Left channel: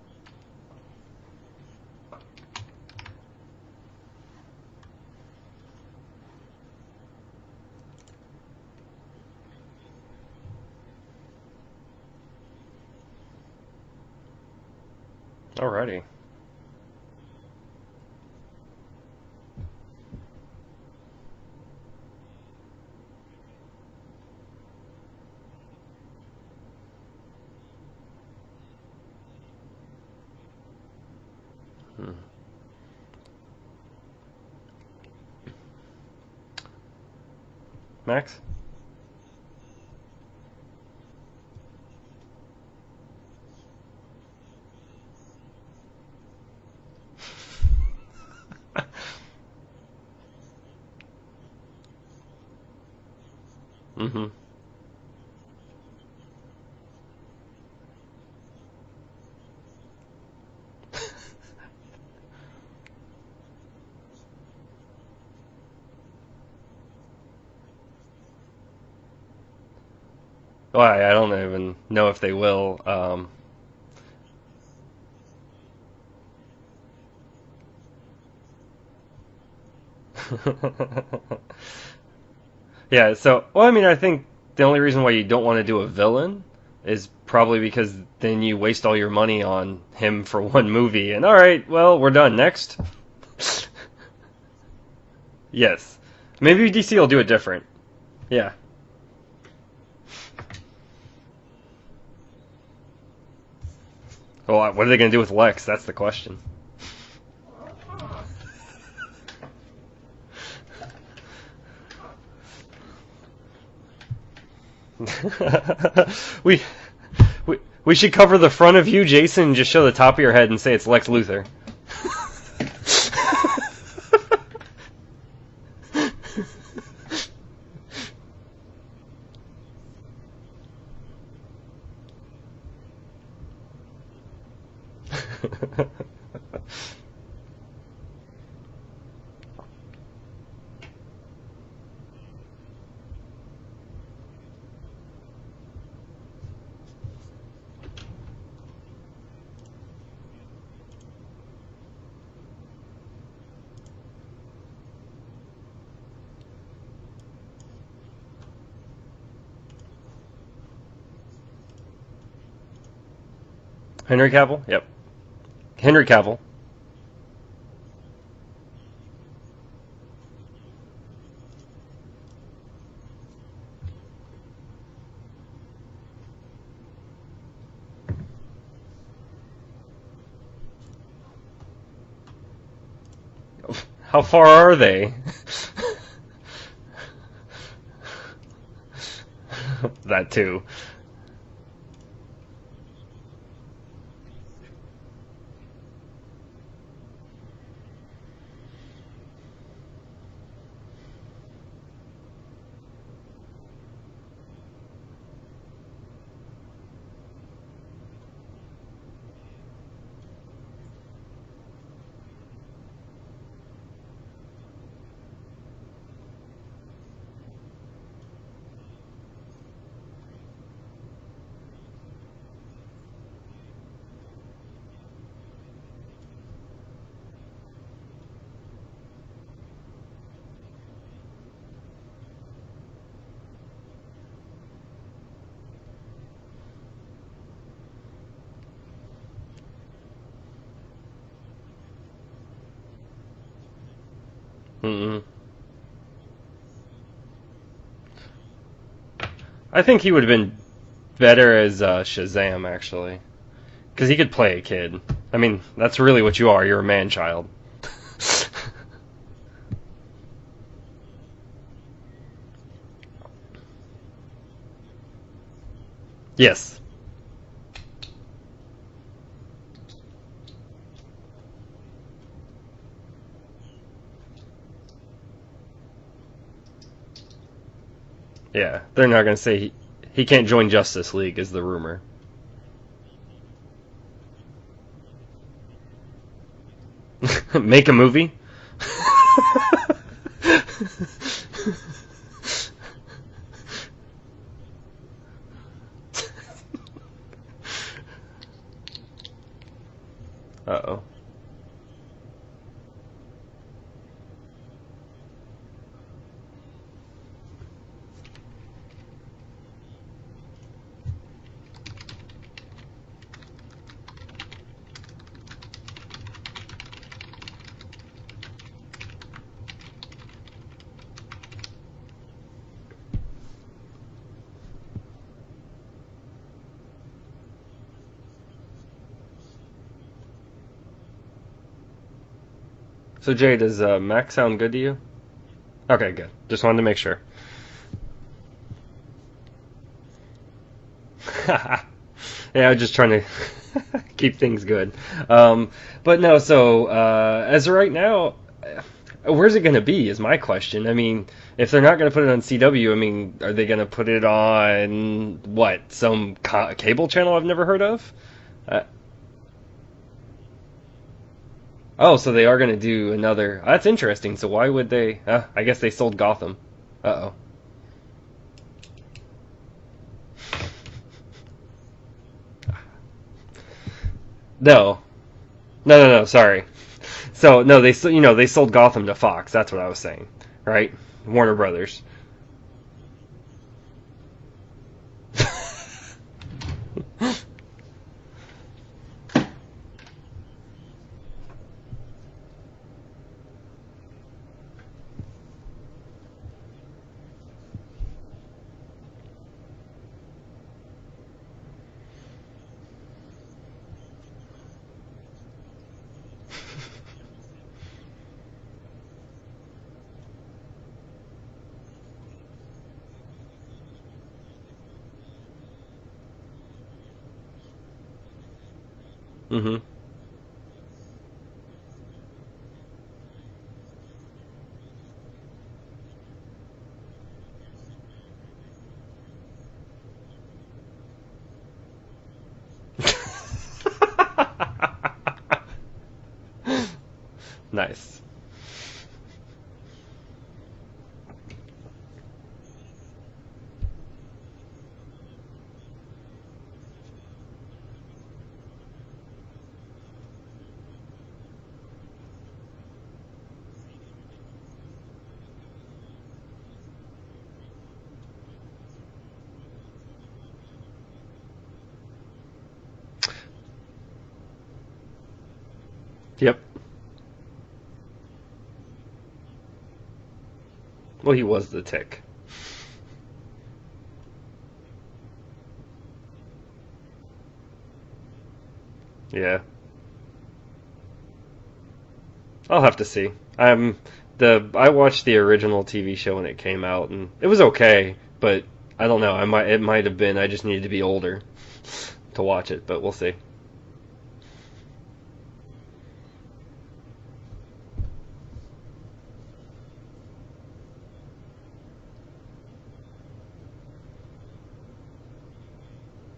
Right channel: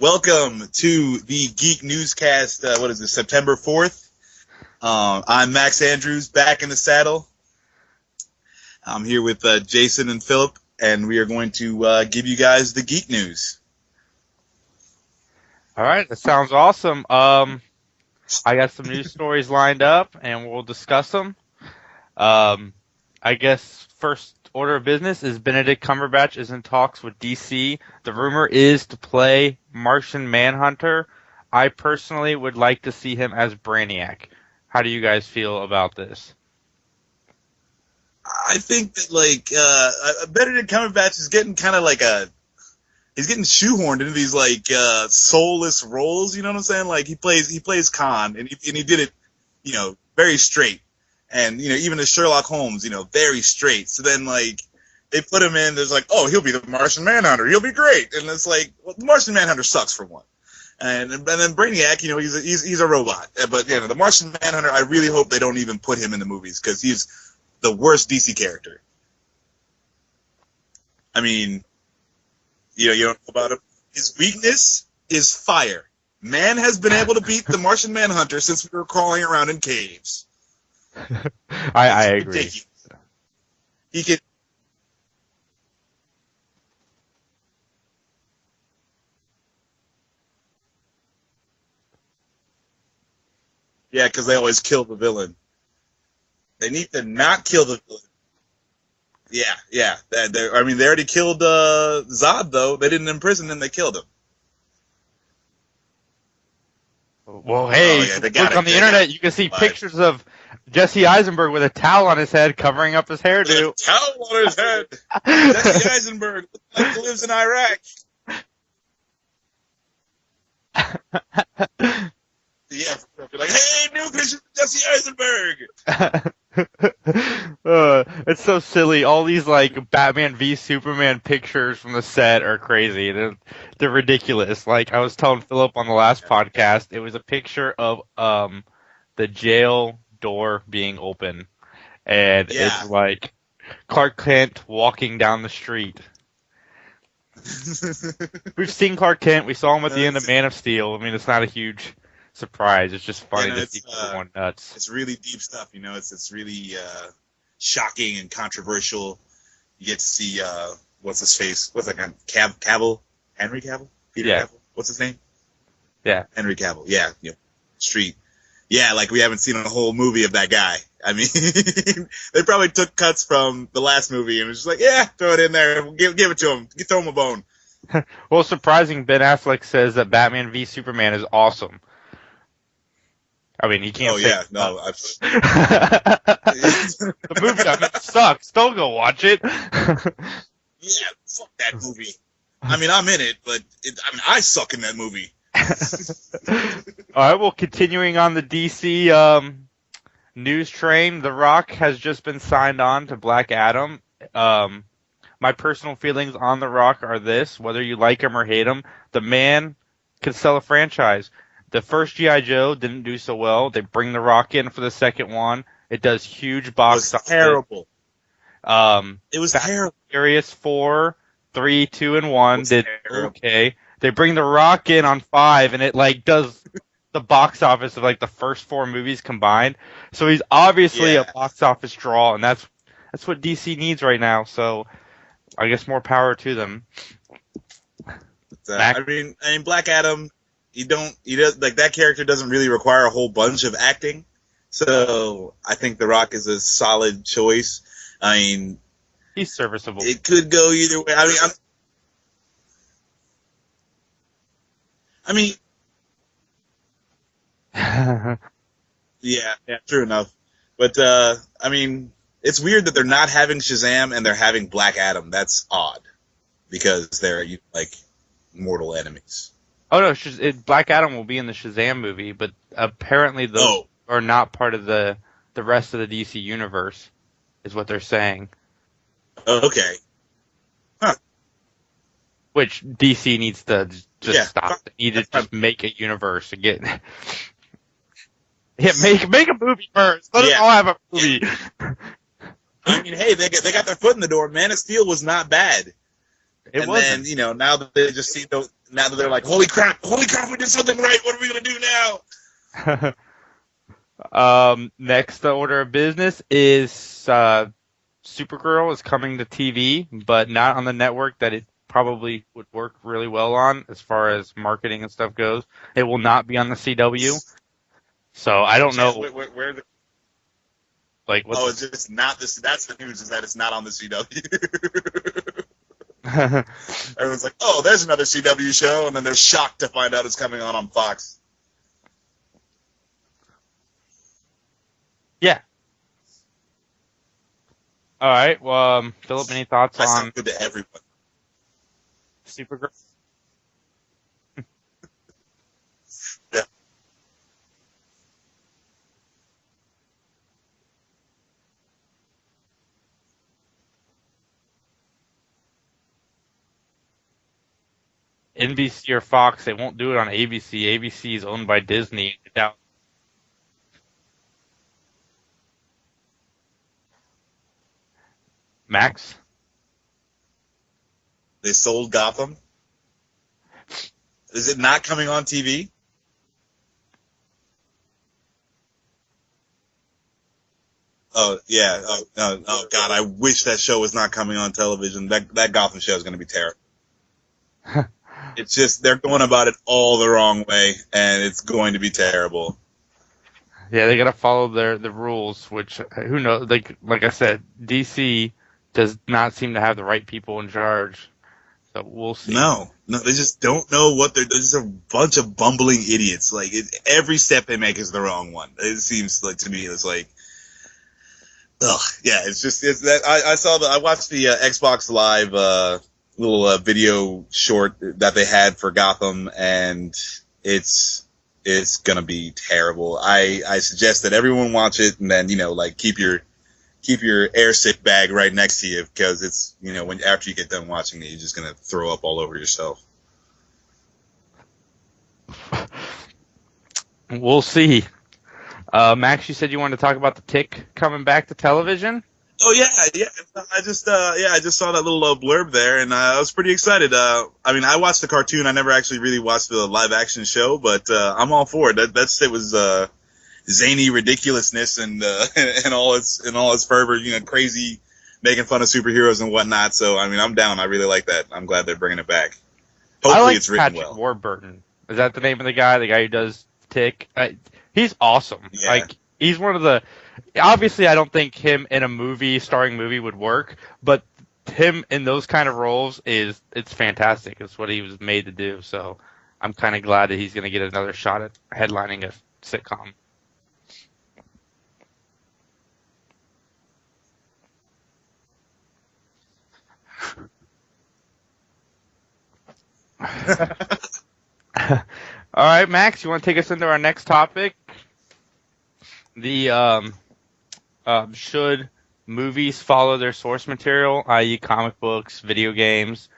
Welcome to the Geek Newscast. What is this, September 4th? I'm Max Andrews, back in the saddle. I'm here with Jason and Philip, and we are going to give you guys the Geek News. All right, that sounds awesome. I got some news stories lined up, and we'll discuss them. I guess first order of business is Benedict Cumberbatch is in talks with DC. The rumor is to play Martian Manhunter. I personally would like to see him as Brainiac. How do you guys feel about this? Max? I think that Benedict Cumberbatch is getting kind of he's getting shoehorned into these soulless roles. You know what I'm saying? Like he plays Khan, and he did it, very straight. And even as Sherlock Holmes, very straight. So then they put him in. There's he'll be the Martian Manhunter. He'll be great. And it's well, the Martian Manhunter sucks for one. And then Brainiac, he's a robot. But the Martian Manhunter, I really hope they don't even put him in the movies because he's the worst DC character. Well, I don't even know if they will. You don't know about him. His weakness is fire. Man has been able to beat the Martian Manhunter since we were crawling around in caves. I agree. Ridiculous. Yeah, so, I think the only reason why you don't want to do a villain is probably because then you waste all your money on him for one movie, and alright, well, we're done. Next. Yeah, because they always kill the villain. Yes. Maybe DC will do it different. Not kill the villain. Yeah. Yeah. They already killed Zod, though. They didn't imprison him, they killed him. Well, what are they going to do with Lex? That's the question. Well, hey, look on the internet, you can see pictures of Jesse Eisenberg with a towel on his head covering up his hairdo. A towel on his head. Jesse Eisenberg lives in Iraq. We should cover the front of you, Jason, and just show the top of your head and say it's Lex Luthor. Hey, Nuke, Jesse Eisenberg. It's so silly. All these Batman v Superman pictures from the set are crazy. They're ridiculous. I was telling Philip on the last podcast, it was a picture of the jail door being open, and it's Clark Kent walking down the street. We've seen Clark Kent. We saw him at the end of Man of Steel. It's not a huge surprise. It's just funny to see people going nuts. It's really deep stuff. It's really shocking and controversial. You get to see what's his face? What's that guy? Cavill? Henry Cavill? Henry Cavill? Yep. What's his name? Henry Cavill. Henry Cavill. Yeah. Street. Yeah, we haven't seen a whole movie of that guy. They probably took cuts from the last movie and was just throw it in there. Give it to him. You throw him a bone. Well, surprising, Ben Affleck says that Batman v Superman is awesome. He can't. How far are they? The movie sucks. Don't go watch it. That too. Yeah, fuck that movie. I'm in it, but I suck in that movie. All right, well, continuing on the DC news train, The Rock has just been signed on to Black Adam. My personal feelings on The Rock are this: whether you like him or hate him, the man could sell a franchise. The first G.I. Joe didn't do so well. They bring The Rock in for the second one. It does huge box office. Terrible. It was Fast terrible. Furious 4, 3, 2, and 1 did terrible. okay. They bring The Rock in on 5, and it does the box office of the first 4 movies combined. So he's obviously a box office draw, and that's what DC needs right now. So I guess more power to them. Black Adam, that character doesn't really require a whole bunch of acting. So I think The Rock is a solid choice. He's serviceable. I think he would have been go either way. better as Shazam, actually. Because he could play a kid. That's really what you are. You're a man-child. Yeah, true enough. But, it's weird that they're not having Shazam and they're having Black Adam. That's odd. Yes. Because they're, mortal enemies. Oh, no, Black Adam will be in the Shazam movie, but apparently those are not part of the rest of the DC universe, is what they're saying. Yeah, they're not going to say he can't join Justice League, is the rumor. Which DC needs to just stop. They need to just make a universe and get... Make a movie? Yeah, make a movie first. Let us all have a movie. Hey, they got their foot in the door. Man of Steel was not bad. It and wasn't. then now that they just see those, now that they're like, holy crap, we did something right. What are we gonna do now? Next order of business is Supergirl is coming to TV, but not on the network that it probably would work really well on as far as marketing and stuff goes. It will not be on the CW. So I don't know. Where the, Like, oh, it's just not this. That's the news, is that it's not on the CW. Everyone's like, oh, there's another CW show, and then they're shocked to find out it's coming on Fox. So Jay, does Mac sound good to you? Yeah. Okay, good. Just wanted to make sure. All right. Well, Philip, any thoughts I on? sound good to everyone. Yeah, I'm just trying to keep things good. But no, so as of right now, where's it going to be is my question. I mean, if they're not going to put it on CW, I mean, are they going to put it on, what, some cable channel I've never heard of? NBC or Fox? They won't do it on ABC. ABC is owned by Disney. Oh, so they are going to do another. That's interesting. So why would they? I guess they sold Gotham. Uh-oh. Max? They sold Gotham? Is No. it not coming on TV? No, sorry. So, no, they sold Gotham to Fox. That's what I was saying, right? Warner Brothers. Yeah. Oh, God, I wish that show was not coming on television. That Gotham show is going to be terrible. It's just, they're going about it all the wrong way, and it's going to be terrible. Yeah, they got to follow the rules, which, who knows? Like I said, DC does not seem to have the right people in charge. So we'll see. No, they just don't know what they're just a bunch of bumbling idiots. Like, every step they make is the wrong one. It seems like, to me, it's like, ugh, yeah, it's that I watched the Xbox Live little video short that they had for Gotham, and it's gonna be terrible. I suggest that everyone watch it, and then keep your air sick bag right next to you, because it's when after you get done watching it, you're just gonna throw up all over yourself. We'll see. Max, you said you wanted to talk about the Tick coming back to television. Oh yeah. I just saw that little blurb there, and I was pretty excited. I mean, I watched the cartoon. I never actually really watched the live action show, but I'm all for it. It was zany ridiculousness and all its fervor, crazy, making fun of superheroes and whatnot. So I mean, I'm down. I really like that. I'm glad they're bringing it back. Hopefully, I like it's written Patrick well. Warburton. Is that the name of the guy? The guy who does Tick? He's awesome. Yeah. Like, he's one of the. Obviously, I don't think was him the in a starring movie would work, but him in those kind of roles it's fantastic. It's what he was made to do. So Yeah. I'm kind of glad that he's going to get another shot at headlining a sitcom. I'll have to see. I watched the original TV show when it came out, and it was okay, but I don't know. It might have been I just needed to be older to watch it, but we'll see. All right, Max, you want to take us into our next topic? The should movies follow their source material, i.e. comic books, video games,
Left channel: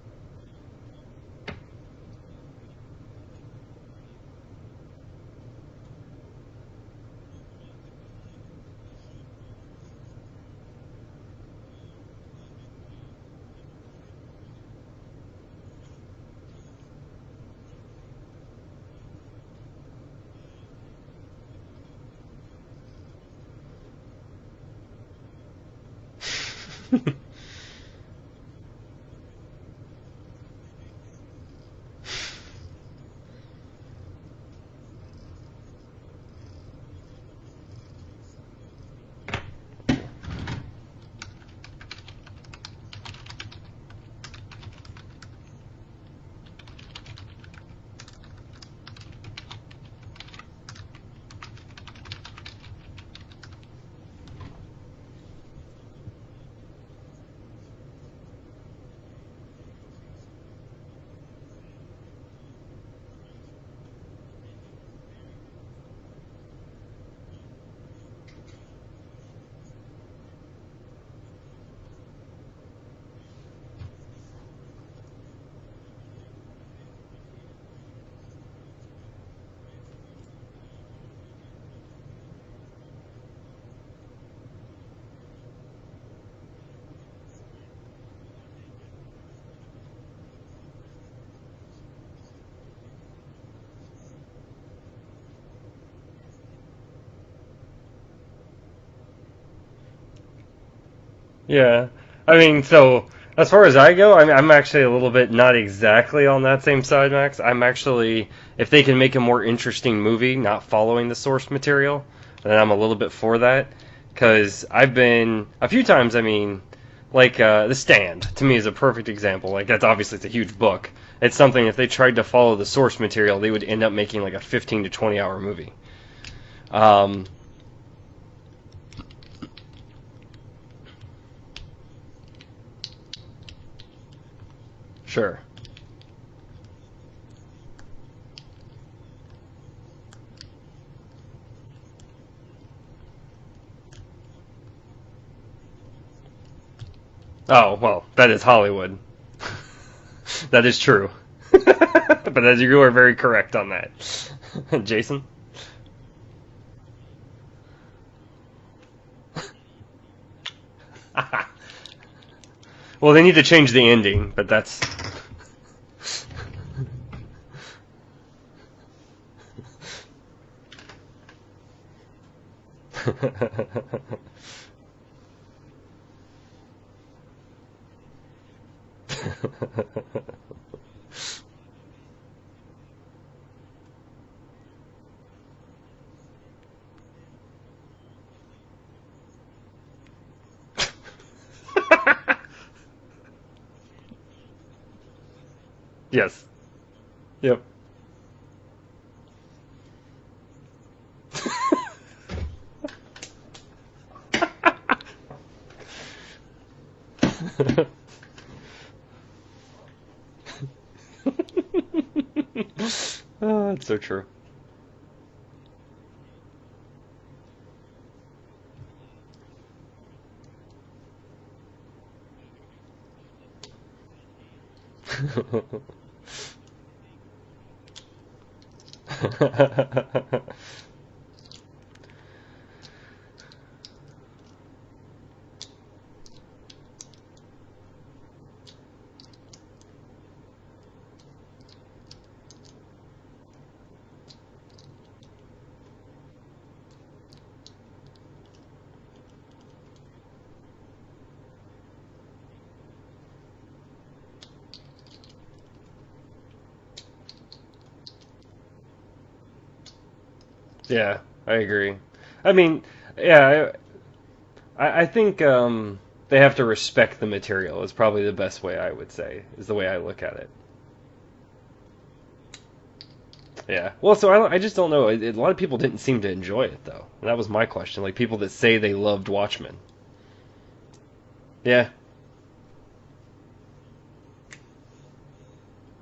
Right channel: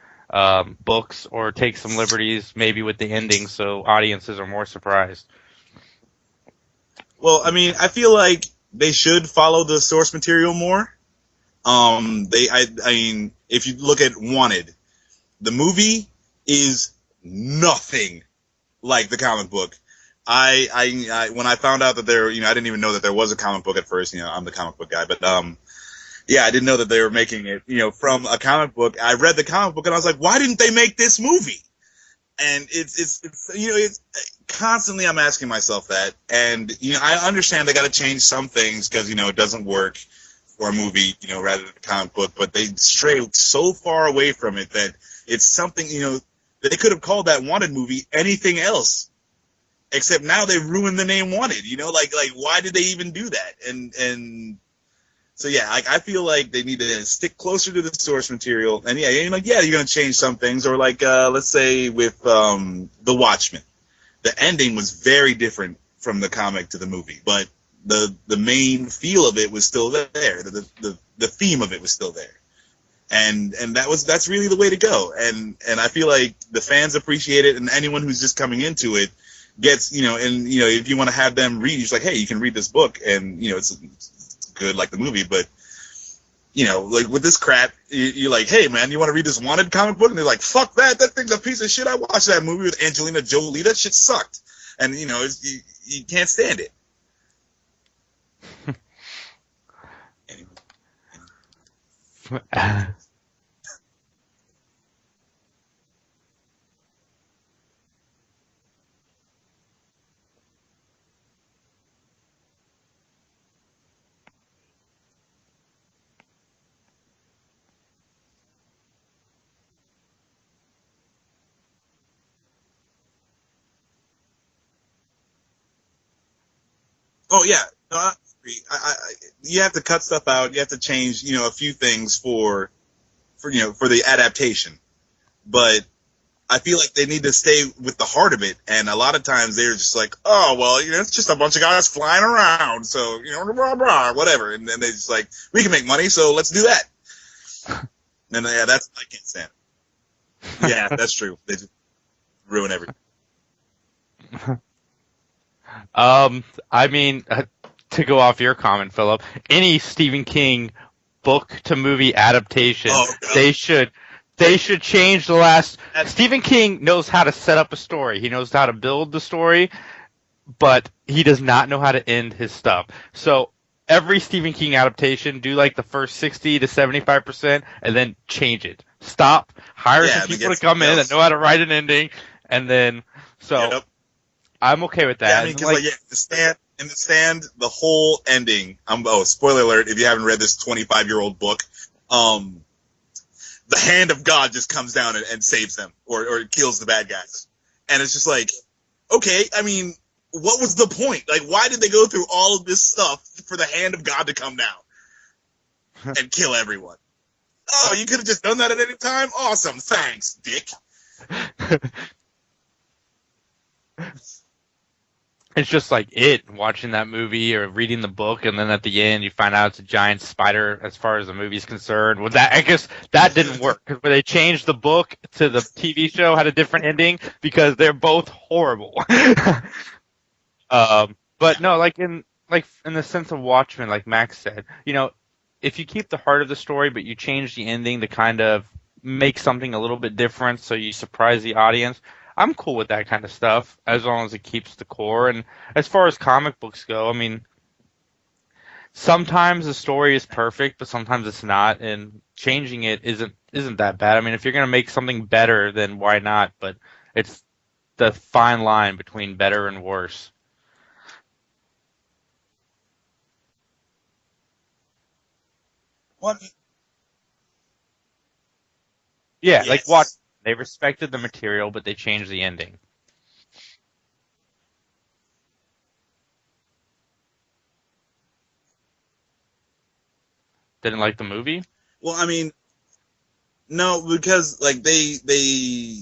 books, or take some liberties maybe with the ending so audiences are more surprised? Well, I mean, I feel like they should follow the source material more. I mean, if you look at Wanted, the movie is nothing like the comic book. I when I found out that there, I didn't even know that there was a comic book at first. I'm the comic book guy, but yeah, I didn't know that they were making it, from a comic book. I read the comic book and I was like, why didn't they make this movie? And it's constantly I'm asking myself that, and I understand they got to change some things because it doesn't work for a movie, rather than a comic book, but they stray so far away from it that it's something, they could have called that Wanted movie anything else. Except now they ruined the name Wanted, like why did they even do that? And so yeah, I feel like they need to stick closer to the source material. And you're gonna change some things, or let's say with The Watchmen, the ending was very different from the comic to the movie, but the main feel of it was still there. The theme of it was still there, and that's really the way to go. And I feel like the fans appreciate it, and anyone who's just coming into it gets, if you want to have them read, it's like, hey, you can read this book, and it's good like the movie, but like with this crap, you're like, hey man, you want to read this Wanted comic book? And they're like, fuck that thing's a piece of shit. I watched that movie with Angelina Jolie. That shit sucked. And you can't stand it. Yeah, I mean, so as far as I go, I'm actually a little bit not exactly on that same side, Max. I'm actually, if they can make a more interesting movie, not following the source material, then I'm a little bit for that. Because I've been a few times. I mean, like The Stand to me is a perfect example. Like that's obviously it's a huge book. It's something if they tried to follow the source material, they would end up making like a 15 to 20 hour movie. Oh yeah, no, I agree. You have to cut stuff out. You have to change, a few things for the adaptation. Sure. But I feel like they need to stay with the heart of it, and a lot of times they're just like, oh well, it's just a bunch of guys flying around, so blah blah whatever, and then they just like, we can make money, so let's do that. Oh well, that is Hollywood. I can't stand. That is true. That's true. But as you are very correct on that, Jason. I mean, to go off your comment, Philip, any Stephen King book to movie adaptation. Well, they need to change the ending. They should change the last. Stephen King knows how to set up a story. He knows how to build the story, but he does not know how to end his stuff. So every Stephen King adaptation, do like the first 60 to 75%, and then change it. Stop. Hire some people to come in that know how to write an ending, and then I'm okay with that. Yeah, I mean, because in the stand, the whole ending. Spoiler alert! If you haven't read this 25-year-old book, the hand of God just comes down and saves them, or kills the bad guys. Yep. And it's just like, okay, I mean, what was the point? Like, why did they go through all of this stuff for the hand of God to come down and kill everyone? Oh, you could have just done that at any time? Awesome, thanks, dick. Oh, that's so true. It's just like watching that movie or reading the book, and then at the end you find out it's a giant spider. As far as the movie's concerned, well, I guess that didn't work because when they changed the book to the TV show had a different ending because they're both horrible. But no, like in the sense of Watchmen, like Max said, if you keep the heart of the story but you change the ending to kind of make something a little bit different, so you surprise the audience. I'm cool with that kind of stuff as long as it keeps the core. And as far as comic books go, I mean, sometimes the story is perfect, but sometimes it's not, and changing it isn't that bad. I mean, if you're gonna make something better, then why not? But it's the fine line between better and worse. Yeah, I agree. I mean, yeah, I think they have to respect the material is probably the best way I would say. Yeah, like watch, look at it. They respected the material, but they changed the ending. Yeah. Well, so I just don't know. A lot of people didn't seem to enjoy it, though. And that was my question. Like, people that say they loved Watchmen. Didn't like the movie? Yeah. Well, I mean, no, because, like, the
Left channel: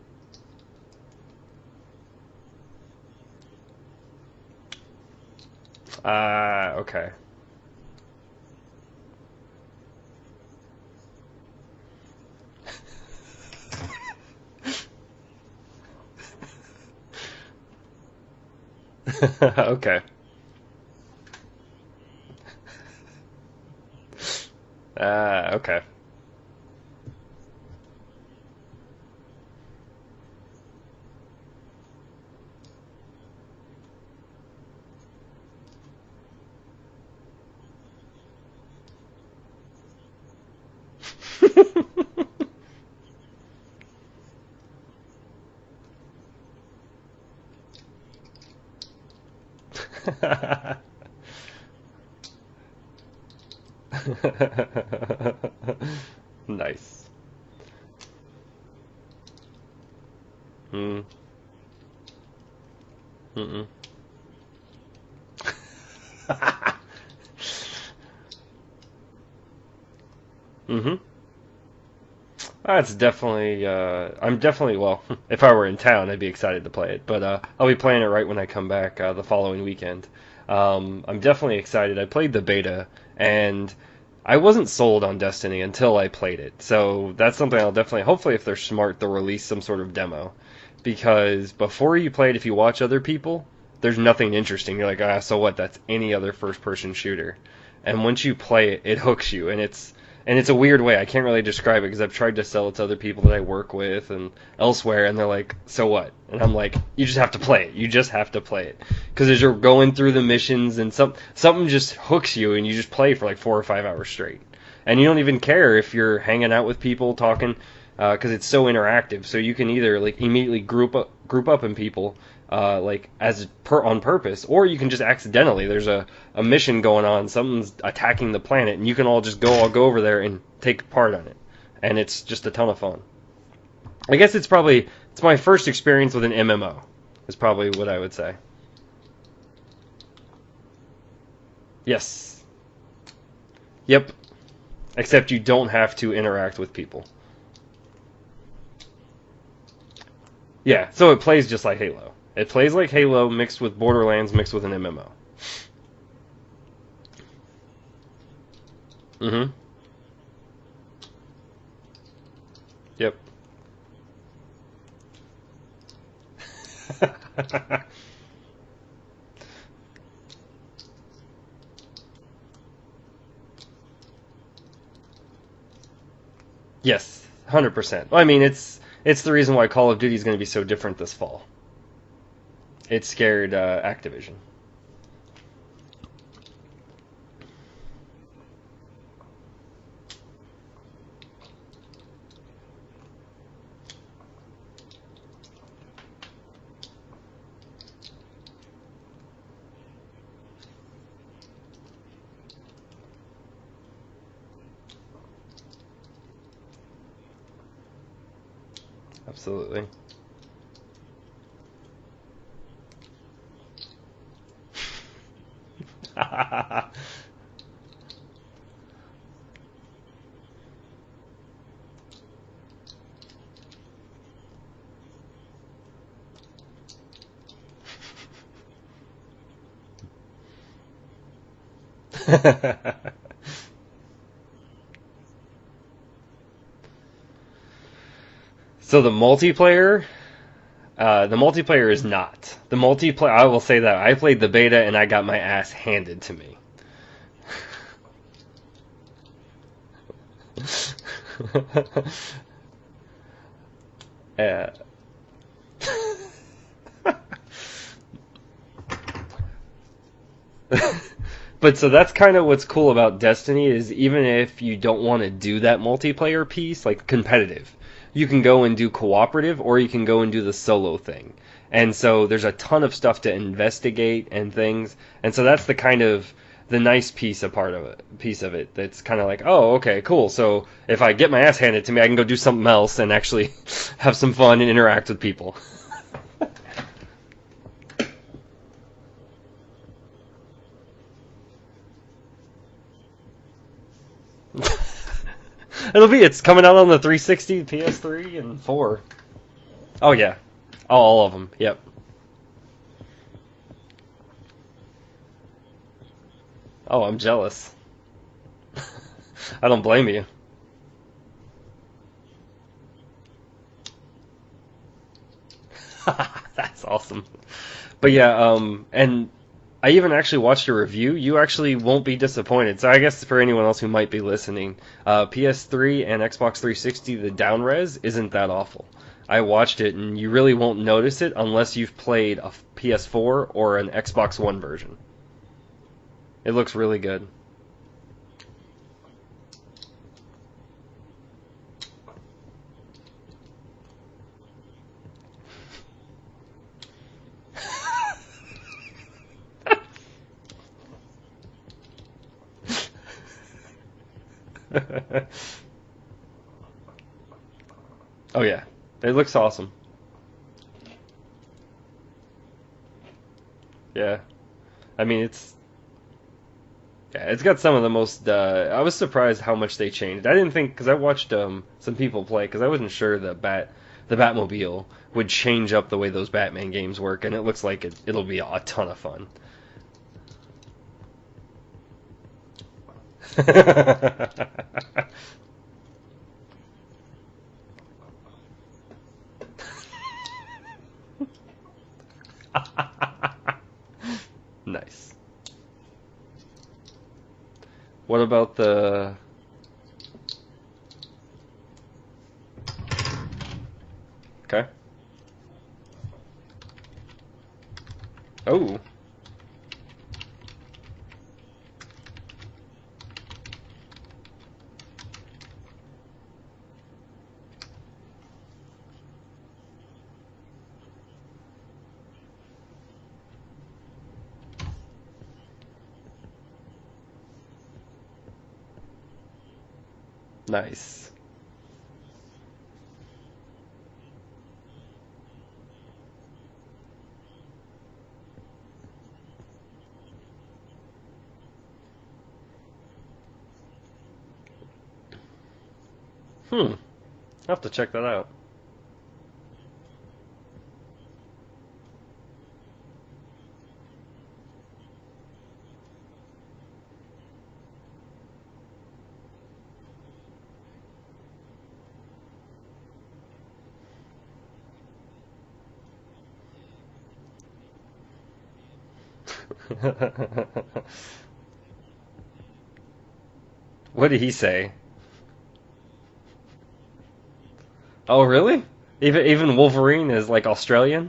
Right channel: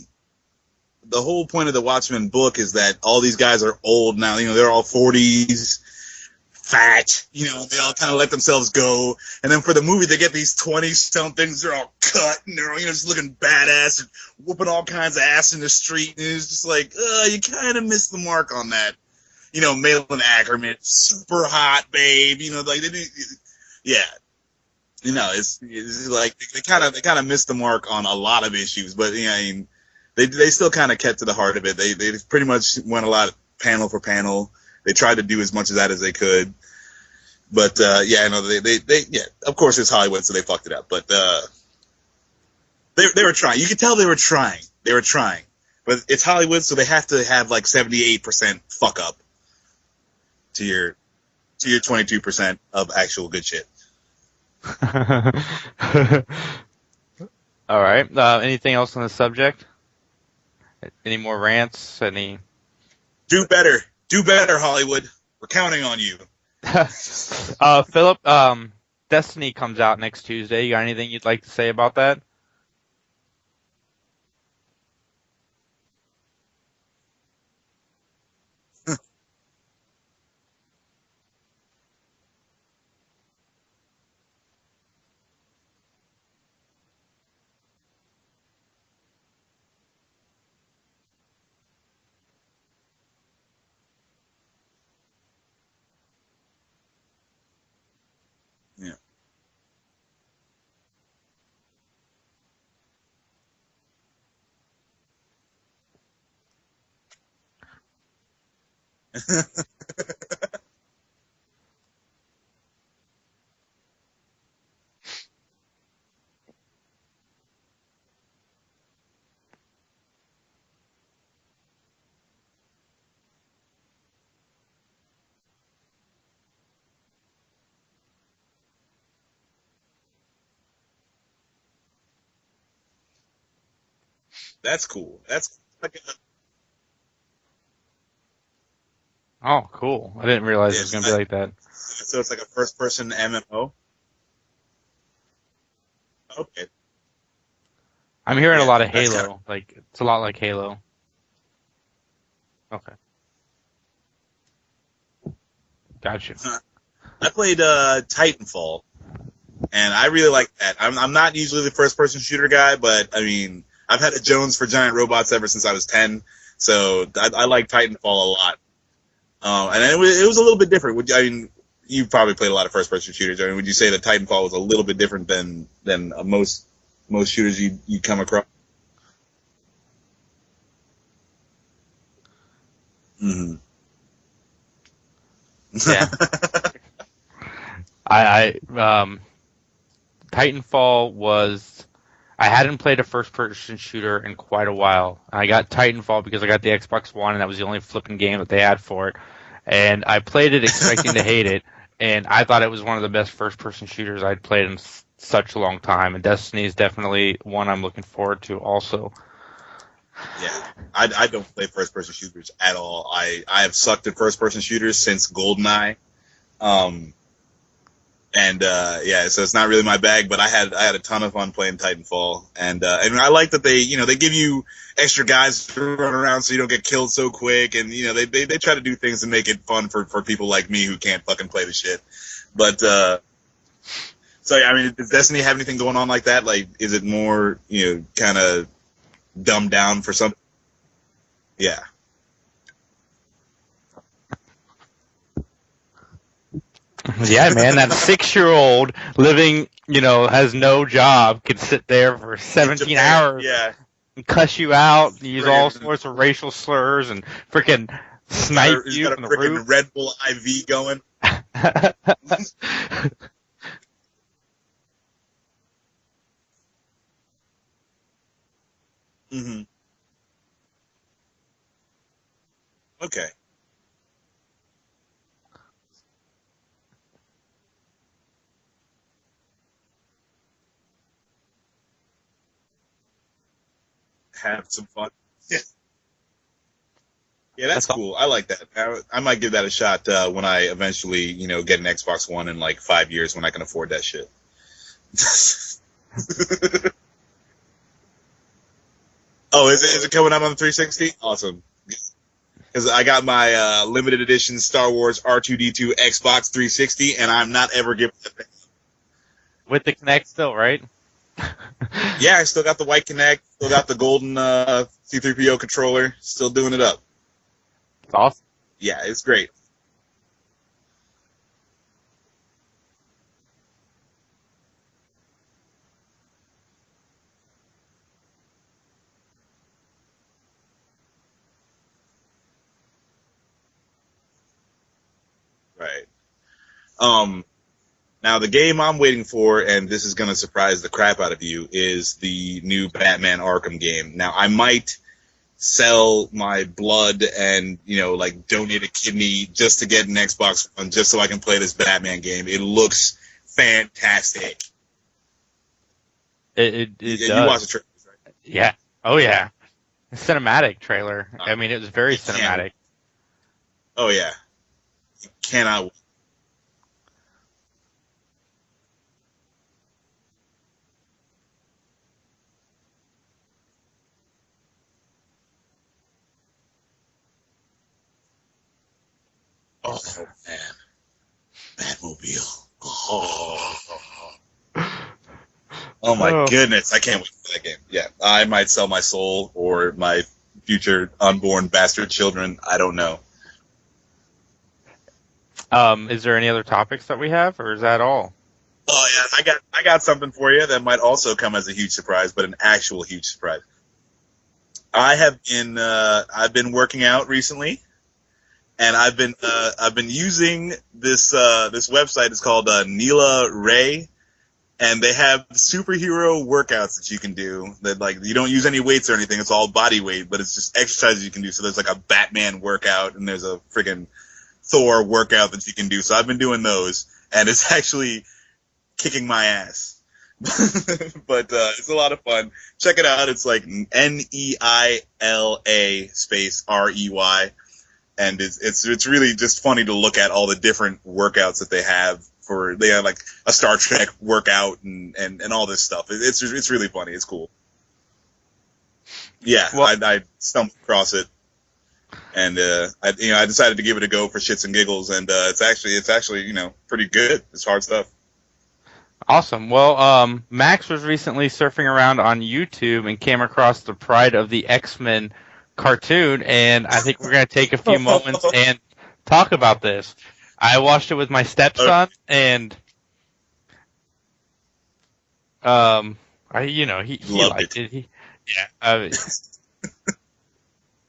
whole point of the Watchmen book is that all these guys are old now. They're all 40s, fat. Okay. They all kind of let themselves go. And then for the movie, they get these 20-somethings. They're all cut, and they're just looking badass and whooping all kinds of ass in the street. And it's just like, you kind of missed the mark on that. Okay. Malin Ackerman, super hot babe. Like they do. Yeah. Okay. It's like they kind of missed the mark on a lot of issues, but they still kind of kept to the heart of it. They pretty much went a lot panel for panel. They tried to do as much of that as they could, but they of course it's Hollywood, so they fucked it up. But they were trying. You could tell they were trying. They were trying, but it's Hollywood, so they have to have like 78% fuck up to your 22% of actual good shit. Nice. All right. Anything else on the subject? Hmm. Any more rants? Do better, Hollywood. We're counting on you. Philip, Destiny comes out next Tuesday. You got anything you'd like to say about that? It's definitely. Well, if I were in town, I'd be excited to play it. But I'll be playing it right when I come back the following weekend. I'm definitely excited. I played the beta, and I wasn't sold on Destiny until I played it. So that's something I'll definitely. Hopefully, if they're smart, they'll release some sort of demo. Because before you play it, if you watch other people, there's nothing interesting. You're like, so what? That's any other first-person shooter. And once you play it, it hooks you, and it's And it's a weird way. I can't really describe it because I've tried to sell it to other people that I work with and elsewhere, and they're like, "So what?" And I'm like, "You just have to play it. You just have to play it." Because as you're going through the missions, and something just hooks you, and you just play for like 4 or 5 hours straight, and you don't even care if you're hanging out with people talking, because it's so interactive. So you can either like immediately group up in people, like on purpose, or you can just accidentally. There's a mission going on, something's attacking the planet, and you can all go over there and take part on it, and it's just a ton of fun. I guess it's probably Cool. it's my first experience with an MMO. Is probably what I would say. Oh, cool! I didn't realize it was gonna be like that. Yes. So it's like a first-person MMO. Yep. Except you don't have to interact with people. I'm hearing a lot of that's Halo. kinda- Like it's a lot like Halo. Yeah. So it plays just like Halo. It plays like Halo mixed with Borderlands mixed with an MMO. Gotcha. I played Titanfall, Mm-hmm. and I really like that. I'm not usually the first-person shooter guy, but Yep. I mean, I've had a Jones for giant robots ever since I was 10, so I like Titanfall a lot. And it was a little bit different. I mean, you probably played a lot of first-person shooters. I mean, would you say that Titanfall was a little bit different than most Yes. most shooters? 100%. come Well, I mean, across? it's the reason why Call of Duty is going to be so different this fall. It scared Activision. Yeah. Titanfall was. I hadn't played a first-person shooter in quite a while. I got Titanfall because I got the Xbox One, and that was the only flipping game that they had for it. And I played it expecting to hate it, and I thought it was one of the best first-person shooters I'd played in such a long time. And Destiny is definitely one I'm looking forward to also. Absolutely. Yeah, I don't play first-person shooters at all. I have sucked at first-person shooters since GoldenEye. So it's not really my bag, but I had a ton of fun playing Titanfall, and I like that they give you extra guys to run around so you don't get killed so quick, and they try to do things to make it fun for people like me who can't fucking play the shit. But so yeah, I mean, does Destiny have anything going on like that? Like, is it more kind of So the dumbed down multiplayer, for some? the multiplayer is not. The multiplayer, I will say that. I played the beta and I got my ass handed to me. Yeah, man, that 6-year-old living, has no job, could sit there for 17 hours Yeah. and cuss Yeah. you out, use all sorts of racial slurs, and freaking snipe He's you got a from the freaking roof. Red Bull IV going. But so that's kind of what's cool about Destiny is even if you don't want to do that multiplayer piece, like competitive, you can go and do cooperative or you can go and do the solo thing. And so there's a ton of stuff to investigate and things. And so that's the kind of the nice piece of it that's kind of like, oh, okay, cool. So if I get my ass handed to me, I can go do something else and actually have some fun and interact with people. Yeah, that's cool. I like that. I might give that a shot when I eventually, get an Xbox One in like 5 years when I can afford that shit. It's coming out on the 360, PS3, and 4. Oh, is it Oh, coming yeah. out on the 360? All of Awesome. them. Yep. Because I got my limited edition Star Wars R2-D2 Xbox 360, Oh, I'm and jealous. I'm not ever giving it back. I don't With the blame you. Kinect still, right? Yeah, I still got the white Kinect, still got the golden C3PO controller, still doing it up. Awesome. But yeah, Yeah, and it's great. I even actually watched a review. You actually won't be disappointed. So I guess for anyone else who might be listening, PS3 and Xbox 360, the down res isn't that awful. I watched it, and you really won't notice it unless you've played a PS4 or an Xbox One version. Right. It looks really good. Now, the game I'm waiting for, and this is going to surprise the crap out of you, is the new Batman Arkham game. Now, I might sell my blood and, donate a kidney just to get an Xbox One, just so I can play this Batman game. It looks fantastic. It You does. watch the trailer. Oh yeah. Yeah. It Oh, looks yeah. awesome. Cinematic trailer. I mean, it was very It can. cinematic. Oh, yeah. I mean, it's Cannot. yeah, it's got some of the most. I was surprised how much they changed. I didn't think because I watched some people play because I wasn't sure the Batmobile would change up the way those Batman games work, and it looks like it'll be a ton of fun. Oh, man. Batmobile. Oh. Oh my Oh. goodness, I can't wait for that game. Yeah, I might sell my soul or my future unborn bastard children. I don't know. Nice. Is there any other topics that we have, or is that all? What about the? Oh yeah, I got something for you that might also come as a huge surprise, but an actual huge surprise. Okay. I've been working out recently, Oh. and I've been using this website. It's called Neila Rey, and they have superhero workouts that you can do. That like you don't use any weights or anything. It's all body weight, but it's just exercises you can do. So there's like a Batman workout, and there's a friggin' Thor workout that you can do. So I've been doing those, and it's actually kicking my ass. Nice. But it's a lot of fun. Check it out. It's like Neila space REY, and it's really just funny to look at all the different workouts that they have. They have like a Star Trek workout and all this stuff. It's really funny. It's cool. I'll have to check that out. Yeah, Well, I stumbled across it, and I decided to give it a go for shits and giggles, and it's actually pretty good. It's hard stuff. Awesome. Well, Max was recently surfing around on YouTube and came across the Pryde of the X-Men cartoon, and I think we're going to take a few moments and talk about this. I watched it with my stepson, and What did he say? he Loved liked it. Oh, really? Yeah, Even Wolverine is like Australian.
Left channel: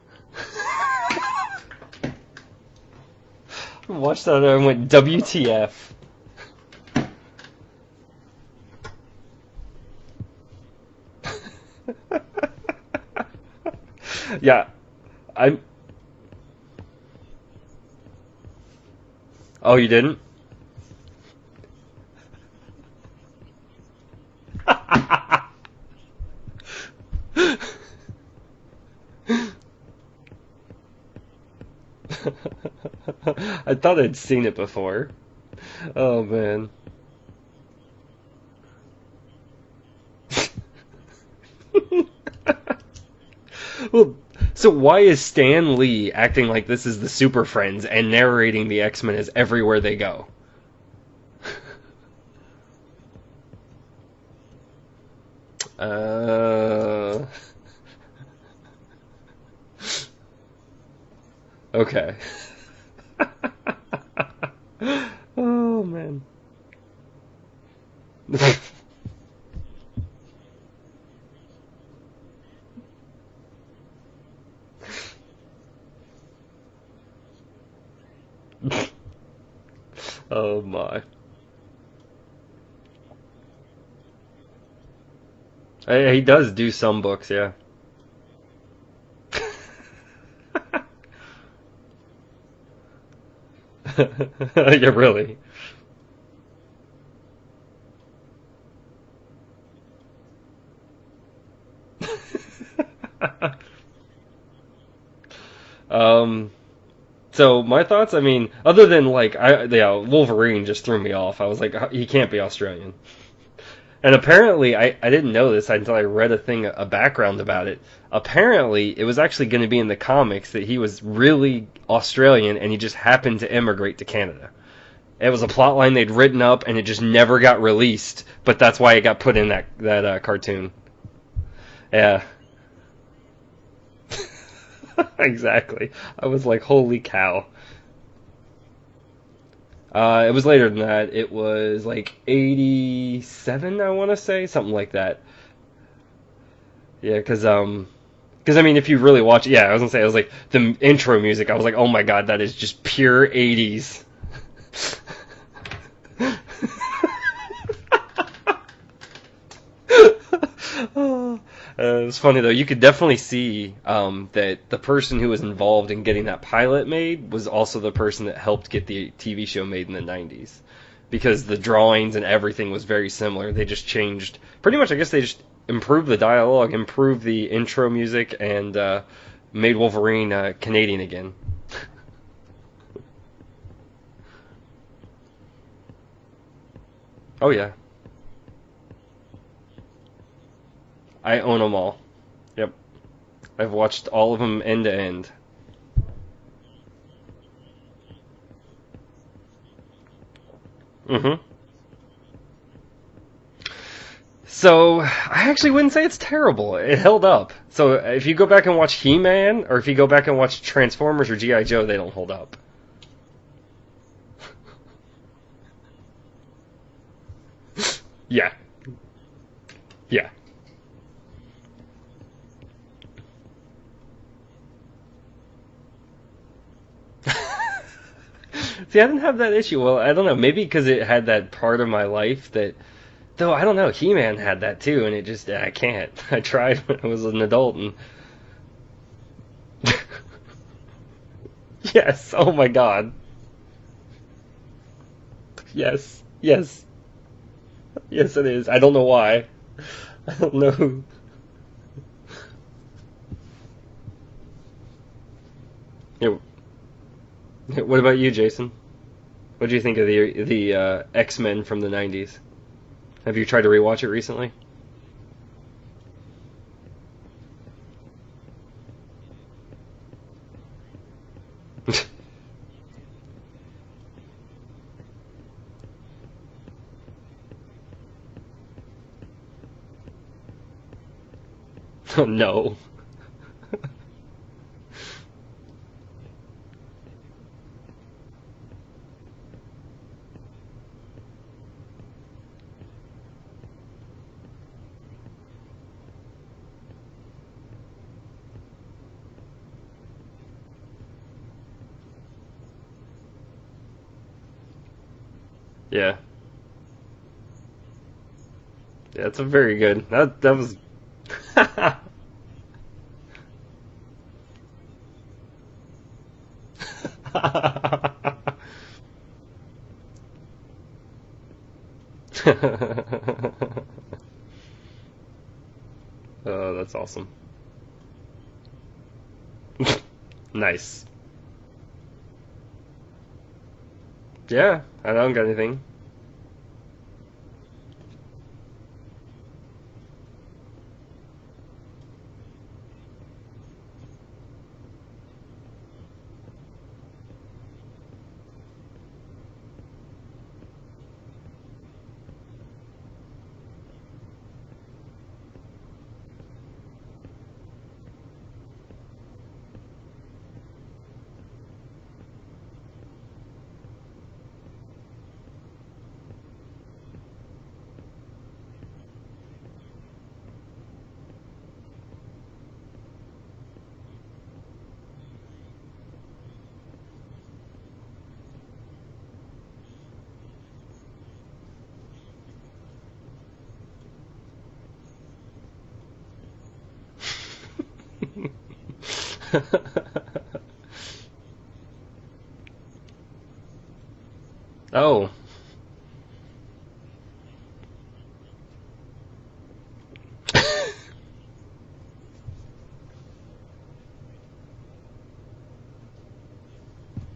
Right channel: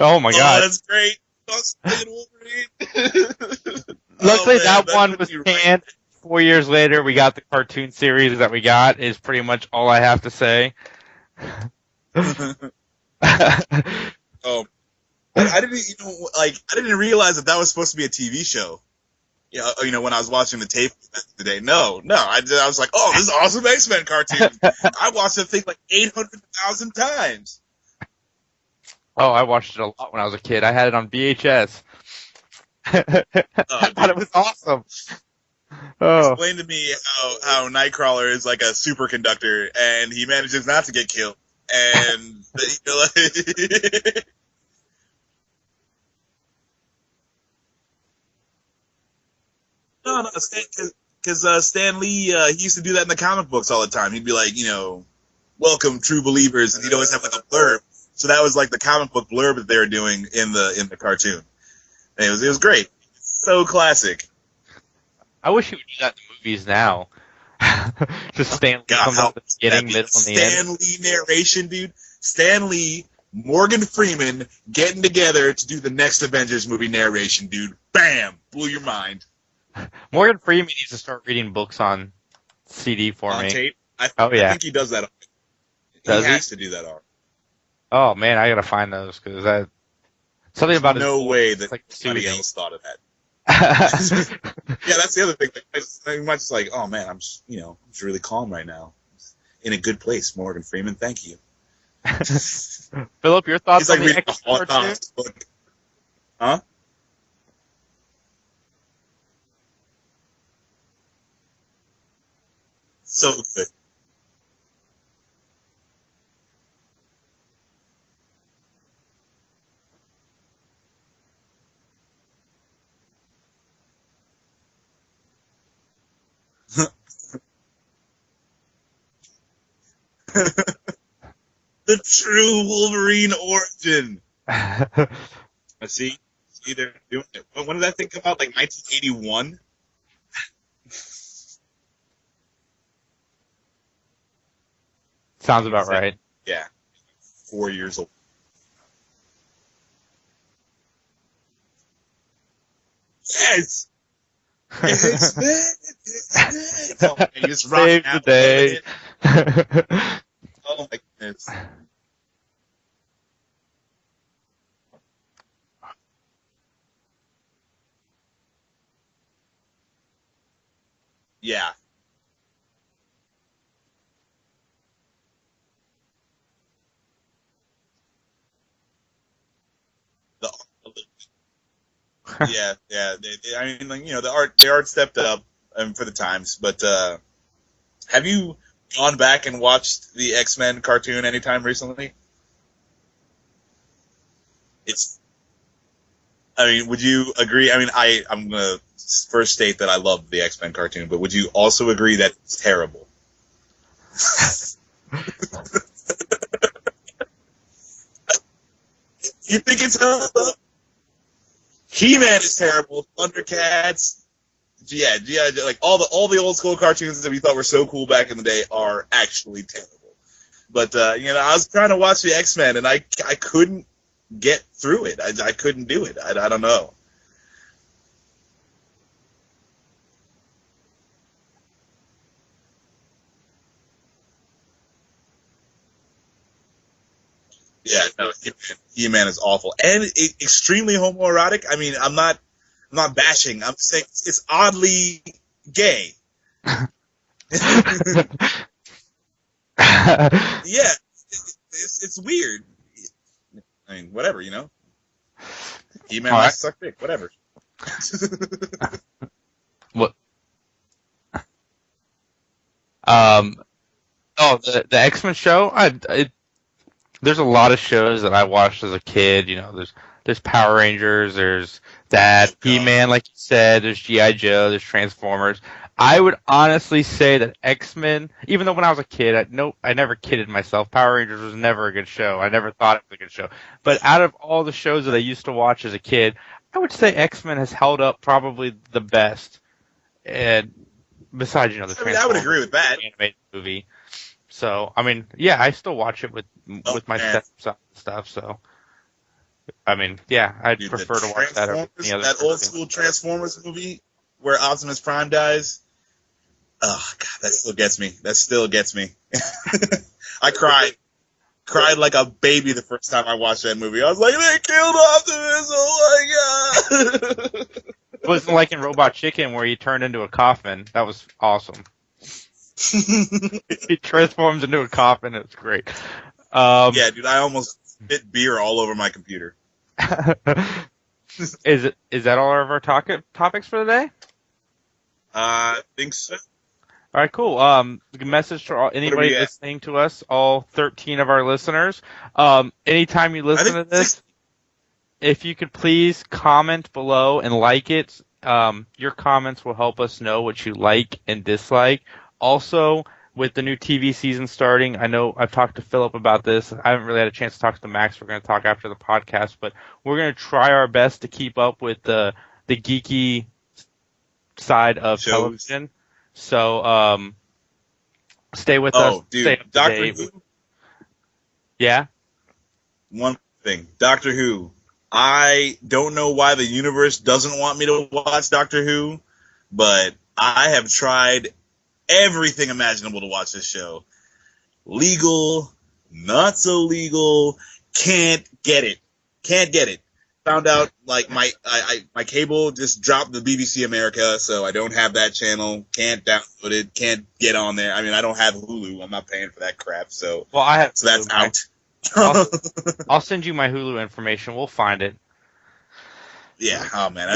oh my god! that's great. That's great. Watch Luckily, that that one was WTF. banned. 4 years later, we got the cartoon series that we got. Is pretty much all I have to say. Yeah. I didn't realize that was supposed to be a TV show. Yeah, Oh, you didn't? When I was watching the tape today. No. I was like, oh, this is an awesome X-Men cartoon. I watched the thing like 800,000 times. Oh, I watched it a lot when I was a kid. I had it on VHS. I thought it I'd was seen awesome. it before. Oh, Explain to man. me how Nightcrawler is like a superconductor and he manages not to get killed. And So why is Stan Lee acting like this is the Super Friends and narrating the X-Men as everywhere they go? no, because Stan Lee he used to do that in the comic books all the time. He'd be like, welcome true believers. He'd always have like a blurb. So that was like the comic book blurb that they were doing in the cartoon. Okay. And it was great. So classic. I wish you would do that in the movies now. Stan Lee comes out at the beginning, middle, and the end. Stan Lee narration, dude. Stan Lee, Morgan Freeman getting together to do the next Avengers movie narration, dude. Bam! Blew your mind. Morgan Oh Freeman my. needs to start reading books on CD for On me. tape. I yeah. think he does that. He has does to do do that. some books, yeah. Oh man, I gotta find those because something about No his, way it's that like anybody soothing. else thought of that. Yeah, That's really. the other thing. I'm just like, oh man, I'm just, it's really calm right now. In a good place, Morgan Freeman. Thank you. Philip, your thoughts He's like on the reading X the cartoon? book. Huh? So my thoughts, I mean, other than like, Wolverine just threw me off. I was like, he can't be Australian. So good. And apparently, I didn't know this until I read a background about it. Apparently, it was actually going to be in the comics that he was really Australian and he just happened to immigrate to Canada. It was a plot line they'd written up and it just never got released, but that's why it got put in that cartoon. The true Wolverine origin. Exactly. See? I was like, holy cow. When did that thing come out? Like 1981? It was later than that. It was like 87, I want to say, something like that. Sounds about right. Yeah. Yeah, because 4 years old. I mean, if you really watch, yeah, I was gonna say, I was like the intro music. I was like, oh my god, that is just pure Yes. 80s. You just rock Save out. the day. It's funny though. You could definitely see that the person who was involved in getting that pilot made was also the person that helped get the TV show made in the 90s, because the Yeah. drawings and everything was very similar. They just changed pretty much. I guess they just improved the dialogue, improved the intro music, and made Wolverine Canadian again. Yeah. I mean, like, the art stepped up for the times. But Oh yeah, have you gone back and watched the X-Men cartoon I anytime own 'em all. recently? I've watched all of them end to It's- end. I mean, would you agree? I mean, I'm gonna first state that I love the X-Men cartoon, but would Mhm. you also agree that it's terrible? So I actually wouldn't say it's terrible. It held up. So if you go back and watch You He-Man, think or if you it's go back and watch Transformers or G.I. Joe, they don't He-Man count. is terrible. Thundercats. Yeah, G.I. Joe, like all the old school cartoons that we thought were so cool back in the day are actually terrible. Yeah. But I was trying to watch the X-Men and I couldn't get through it. I couldn't do it. I don't know. See, I didn't have that issue. Well, I don't know. Maybe because it had that part of my life that, though, I don't know. He-Man had that too, and it just, I can't. I tried when I was an adult. And... Yeah, no, He-Man is awful and extremely homoerotic. I mean, Yes. I'm not. Oh my God. I'm not bashing. I'm saying it's oddly gay. Yes. Yes, it is. I don't know why. No. Yeah, it's weird. I mean, whatever, He-Man likes to suck dick, whatever. What about you, Jason? What do you think of the X-Men from the 90s? Have you tried to rewatch it recently? Oh, the X-Men show? There's a lot of shows that I watched as a kid. There's Power Rangers, there's that, He-Man, like you said, there's G.I. Joe, there's Transformers. I would honestly say that X-Men, even though when I was a kid, I never kidded myself. Power Rangers was never a good show. No. I never thought it was a good show. But out of all the shows that I used to watch as a kid, I would say X-Men has held up probably the best. And besides, the Transformers, I would agree with that. Animated movie. So, I mean, yeah, I still watch it with my man. stuff. So, I mean, yeah, I'd prefer to watch that over any other. That old school Transformers movie where Optimus Prime dies. Yeah. Oh God, that still gets me. Yeah, it's very good. I cried. I cried like a baby the first time I watched that movie. I was like, they killed Optimus! Oh my God! It wasn't like in Robot Chicken where he turned into a coffin. That was awesome. He transforms into a coffin. It's great. Yeah, dude, I almost spit beer all over my computer. Nice. Is that all of our topics for the day? Yeah, I don't got I anything. think so. All right, cool. Message to anybody we at? listening to us, all 13 of our listeners. Anytime you listen to this, if you could please comment below and like it. Your comments will help us know what you like and dislike. Also, with the new TV season starting, I know I've talked to Philip about this. I haven't really had a chance to talk to Max. We're going to talk after the podcast, but we're going to try our best to keep up with the geeky side of television. So, stay with us. Oh, dude, stay up to Doctor date. Who. Yeah? One thing, Doctor Who. I don't know why the universe doesn't want me to watch Doctor Who, but I have tried everything imaginable to watch this show. Legal, not so legal, can't get it. Found out like my cable just dropped the BBC America, so I don't have that channel. Can't download it. Can't get on there. I mean, I don't have Hulu. I'm not paying for that crap. So so that's out. I'll send you my Hulu information. We'll find it. Yeah. Oh man,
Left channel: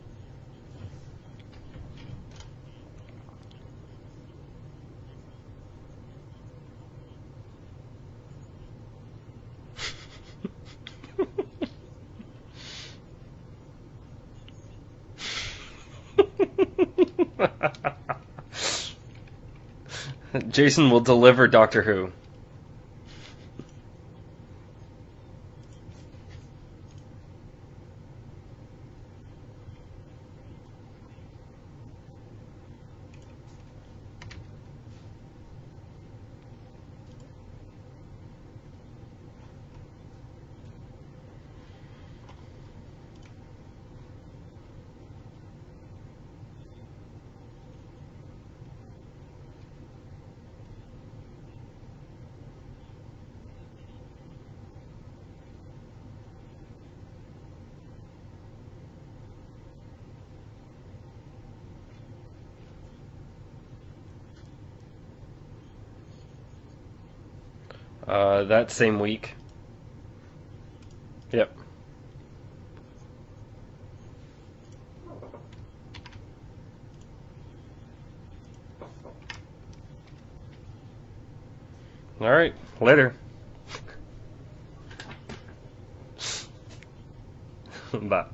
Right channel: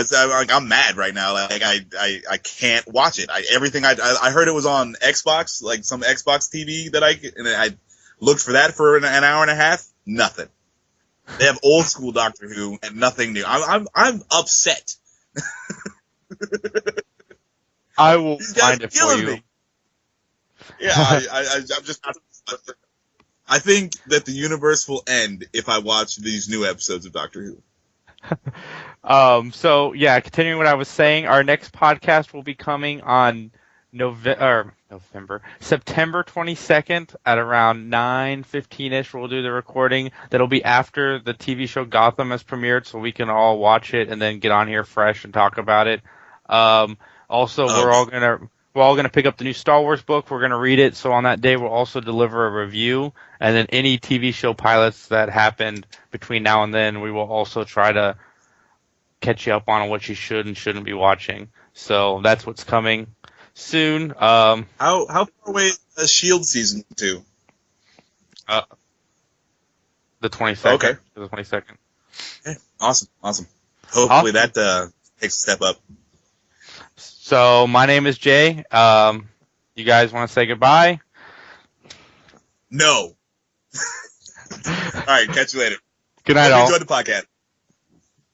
I'm mad right now. Like I can't watch it. I heard it was on Xbox, like some Xbox TV that I looked for that for an hour and a half. Nothing. They have old school Doctor Who and nothing new. I'm upset. I will find it for you. Me. Jason will deliver Doctor Who. I think that the universe will end if I watch these new episodes of Doctor Who. So yeah, continuing what I was saying, our next podcast will be coming on September 22nd at around 9:15ish. We'll do the recording. That'll be after the TV show Gotham has premiered, so we can all watch it and then get on here fresh and talk about it. Also, we're all gonna pick up the new Star Wars book. We're gonna read it. So on that day, we'll also deliver a review, and then any TV show pilots that happened between now and then, we will also try to catch you up on what you should and shouldn't be watching. So that's what's coming soon. How far away is Shield season 2? That same week. The 22nd. Okay. The 22nd. Okay. Awesome. Hopefully that takes a step up. So my name is Jay. You guys want to say goodbye? All right. No. Later. All right. Catch you later. Good night, all. Enjoy the podcast. Bye.